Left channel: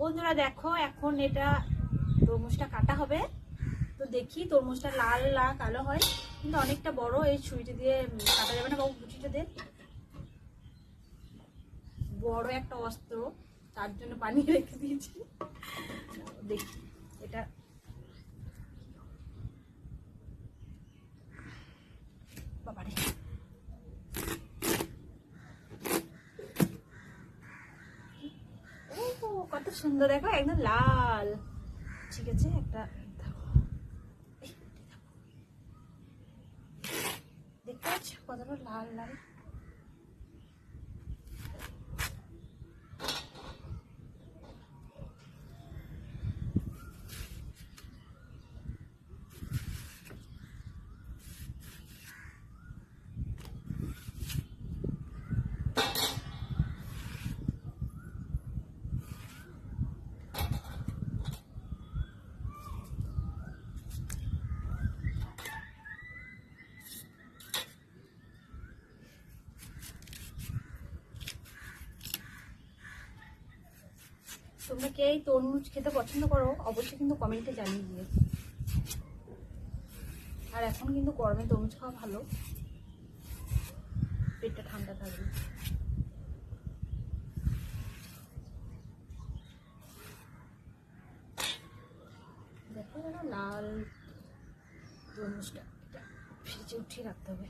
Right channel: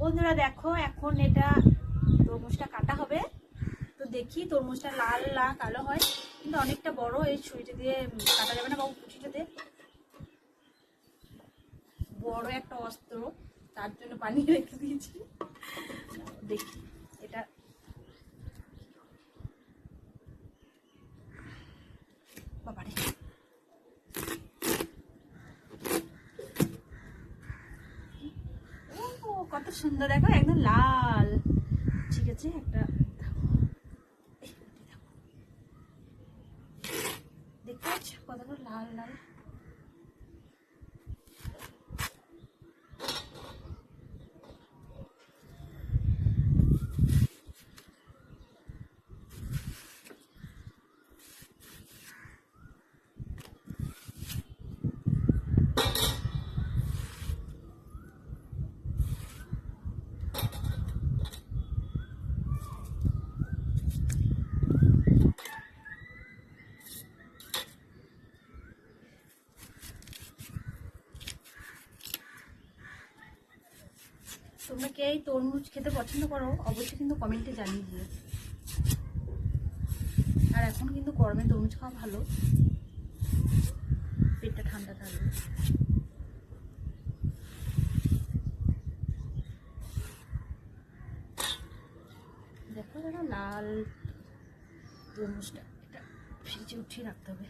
বন্ধুরা দেখো, এখন এটা তরমুজটা কাটা হবে। তো দেখি তরমুজটা লাল লাল, কালো হয়। কিন্তু অনেকটা বড়, এই ছুরিটি দিয়ে কাটা যাবে না বাবু ছুরিটা দিয়ে। বড় একটা অস্ত্র, তার জন্য পানি রেখে দিয়েছি। দেখি। সুন্দর দেখো একদম লাল। ঠিক আছে একটা দেখতে পাচ্ছ কতটা লাল লাল? তোমরা কে এই তরমুজ খেতে পছন্দ করো, অবশ্যই কিন্তু কমেন্টে জানিয়ে দিও। আর এখন কিন্তু গরমে তরমুজ খাওয়া ভালো। পেটটা ঠান্ডা থাকবে। দেখো লাল তরমুজটা। এটা ফ্রিজে উঠিয়ে রাখতে হবে।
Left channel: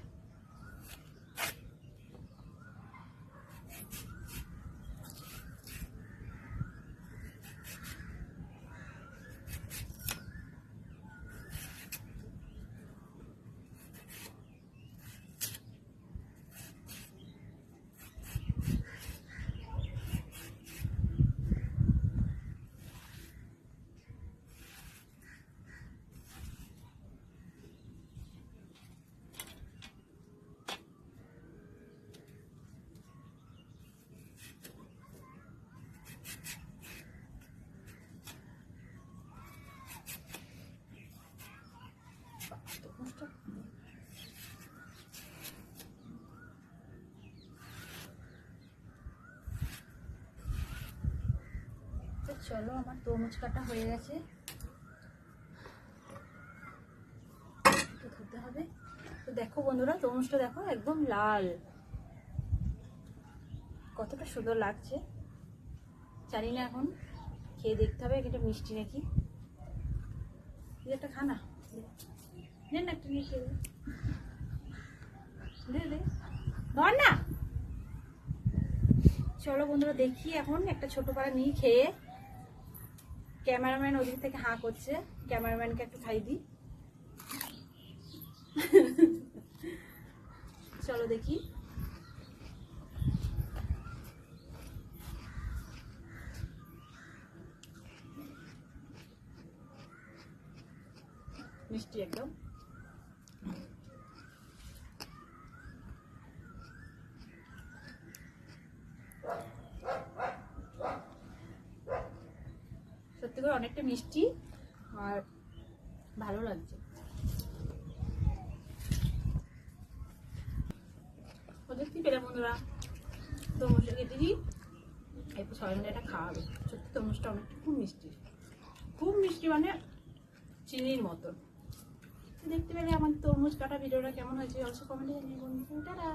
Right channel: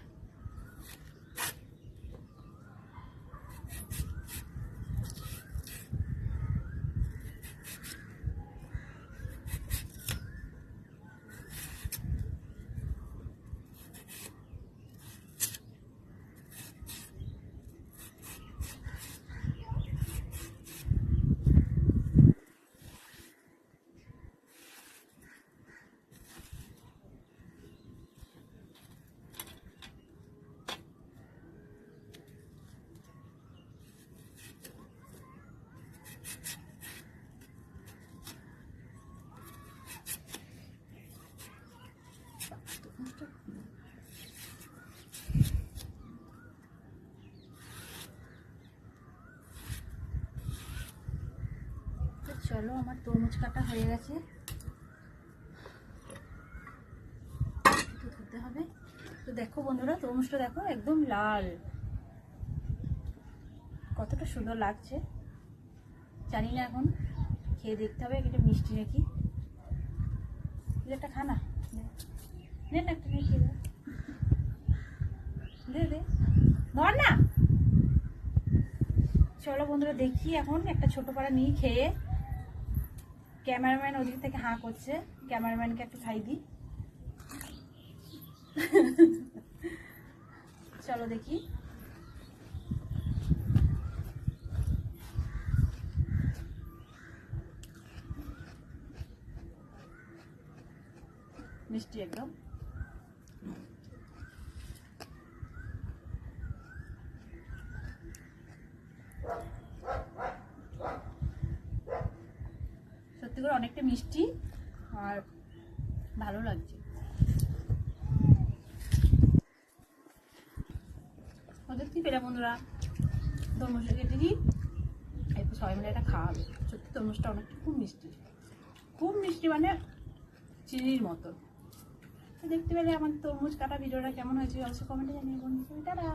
চলো, আমার তরমুজ কাটা হয়ে গেছে। হবে। তো দেখো বন্ধুরা তরমুজটা দেখো একদম লাল। কতটা সুন্দর লাগছে। জানি না এখন, খেয়ে দেখতে হবে এটা মিষ্টি নাকি। একটা খানা নে না দে। দে দে ধর না চলো বন্ধুরা, দেখি এখন একটা ছোট পাড়া নিয়ে খেয়ে ক্যামেরাম্যান ওদিক থেকে হাঁ করছে। ক্যামেরাম্যানকে একটু খাই দিই। চলো দেখি। মিষ্টি একদম। সত্যি করে অনেকটা মিষ্টি আর ভালো লাগছে। দিই। একটু সবাই মিলে এটা খাওয়া হবে সত্যি অনেকটা খুব মিষ্টি। খুব মিষ্টি মানে চিনির মতো। দেখতে পেলে আমার তরমুজ কাটা ভিডিওটা কেমন হয়েছে অবশ্যই কমেন্টে জানিয়ে বন্ধু টাটা!